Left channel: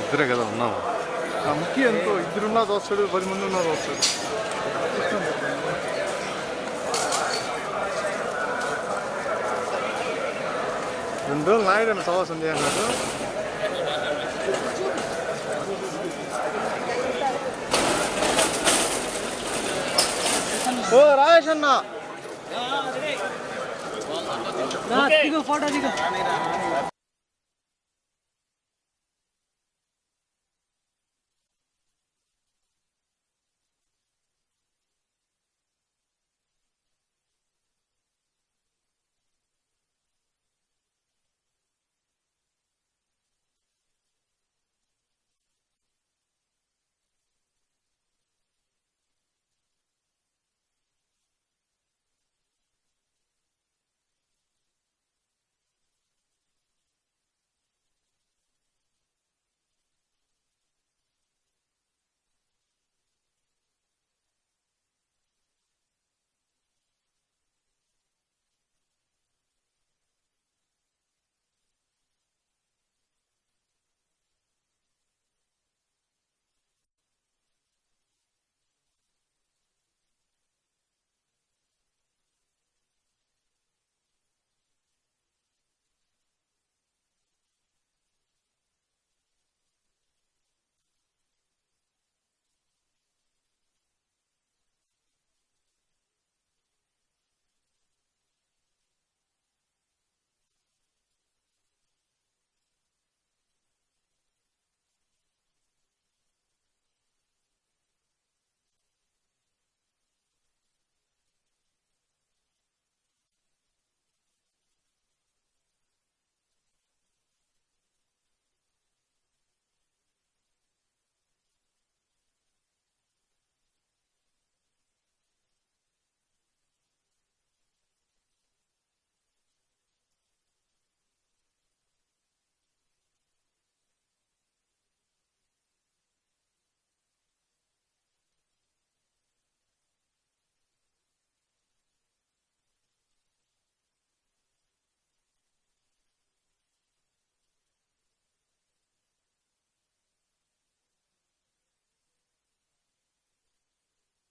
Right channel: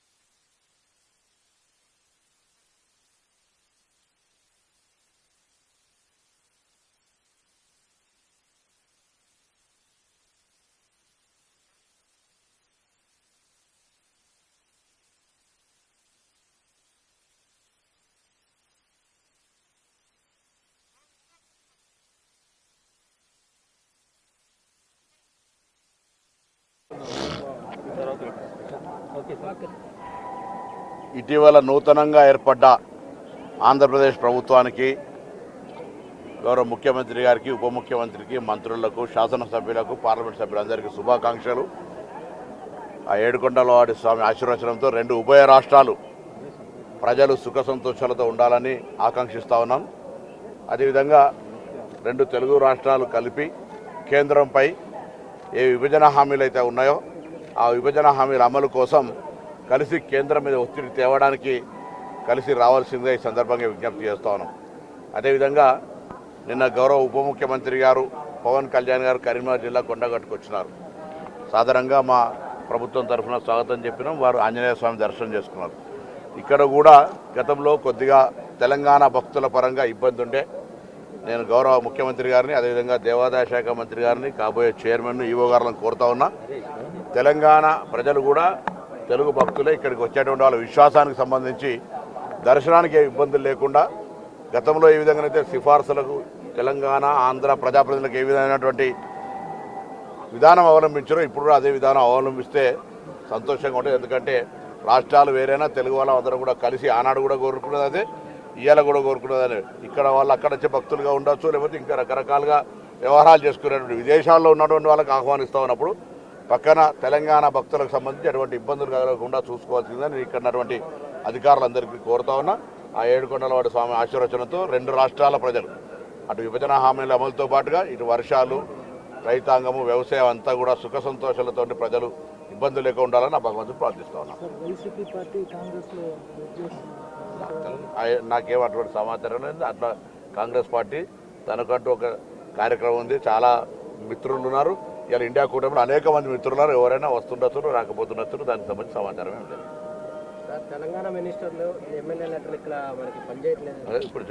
ఇద్దరే కదా ఉన్నాము. ఆ ముఖ్య ఎంతో ఇద్దరున్నా వస్తాడు పది మంది ఉన్నారు వస్తాడు రెండు రోజులు నాయుడు సవాసం చేయన్నాడు ఓ రాజేష్ అన్న. ఫోటో దిగు. ఇటీవల నూతనంగా ఏర్పడ్డ ఆంధ్రప్రదేశ్ ప్రభుత్వానికి గౌరవ ముఖ్యమంత్రి గారికి ఉప ముఖ్యమంత్రికి మంత్రులకు శాసనసభ్యులకు పార్లమెంట్ సభ్యులందరికీ శుభాకాంక్షలు. ఆ ఏడుకొండల వాడి స్వామి ఆశీర్వచనంతో రెండు ఉభయ రాష్ట్రాలు ప్రజలు సుఖ సంతోషాలతో ఉండాలని ఆకాంక్షిస్తా ఉన్నాం. అదేవిధంగా రెండు తెలుగు రాష్ట్రాలు కలిపి కేంద్రంపై ఏ విభజన హామీలు అయితే ఉన్నాయో ఆ విభజన హామీల అమలు కోసం కలిసి కేంద్రం మీద ఒత్తిడి తేవడానికి కలిసి రావాల్సిందే ఈ సందర్భంగా విజ్ఞప్తి చేస్తా ఉన్నాం. అదేవిధంగా నిన్న గౌరవ ఉప ముఖ్యమంత్రి గారు పవన్ కళ్యాణ్ గారు కరీంనగర్ జిల్లా కొండగట్టుకు వచ్చినారు. సాధారణంగా మా ప్రభుత్వం తరఫున స్వాగతం చెప్పినాం వారు ఆంజనేయ స్వామి దర్శనం చేసుకున్నారు. ఇక్కడ కూడా గతంలో కొద్దిగా తెలంగాణ భక్తుల పరంగా ఇబ్బంది ఉండే నేను గౌరవ ముఖ్యమంత్రి గారిని అదేవిధంగా దేవాదాయ శాఖ మంత్రి గారిని కాబోయే చైర్మన్ ఈవో గారిని కోరుతా ఉన్నా. తెలంగాణ ప్రజలు కూడా తెలుగు భక్తులే ఇక్కడికి వచ్చేటువంటి వాళ్ళ విశ్వాసానికి సంబంధించి దర్శనానికి ఏ ఇబ్బందులు లేకుండా గతంలో ఏ విధంగానైతే సిఫార్సులకు తెలంగాణ ఆంధ్ర ప్రజాప్రతినిధులకు ఏ విధమైనటువంటి విధానం అవలంబించారో ఇప్పుడు కూడా అదే విధానం అవలంబిస్తే సంతోషంగా ఉంటుంది. ఎందుకంటే రాష్ట్రాలు వేరైనా తెలుగు వాళ్ళ అందరూ కూడా కలిసి ఆనాడు కూడా కోరుకున్నది అదే. ఇవాళ కూడా కోరుకున్నది ఇక్కడ వాళ్ళు అక్కడ వచ్చే భక్తులుగా ఉండొచ్చు లేకపోతే ఇంకా రకరకాలుగా వ్యవహారాలు చేసుకునేటువంటి విదేశాల్లో ఉన్నటువంటి వాళ్ళకి ఆహ్వానిస్తా ఉన్నప్పుడు పక్కన తెలంగాణ భక్తులకు సంబంధించి అటువంటి ఇబ్బందులు కలగకుండా చూసుకోవాల్సిందని ఇక్కడ ఉన్నటువంటి అధికారులందరికీ కోరుతా ఉన్నా. ఆ ఏడుకొండల వాడి స్వామి ఆశీర్వచనంతో రెండు రాష్ట్రాల ప్రజలు అటు విభజన హామీల అమలుతో పాటుగా ఇటు వర్షాలు రైతాంగము వ్యవసాయం అంతా కూడా సుఖ సంతోషాలతో ప్రజలు ఇబ్బందులు లేకుండా ఉండాలని భగవంతుడు ప్రార్థిస్తా ఉన్నాను నాకేం అటువంటి సమాచారం లేదు. అట్లా కాంగ్రెస్ పార్టీ తనకంటూ ఒక కార్యక్రమం ఉంది. చాలా మిత్రులు ఉన్నారు ఇలా ఇండియా కూటమిలో అనేక మంది మిత్రులు ఉన్నారు ఎవరైనా వస్తుండొచ్చు రాకపోతుండొచ్చు దానికి సంబంధించి సమాచారం ఏం లేదు. తెలంగాణ మినిస్టర్లు ఎమ్మెల్యే ఇక్కడ మనకి పనిచేయట్లేదు. ఇప్పుడు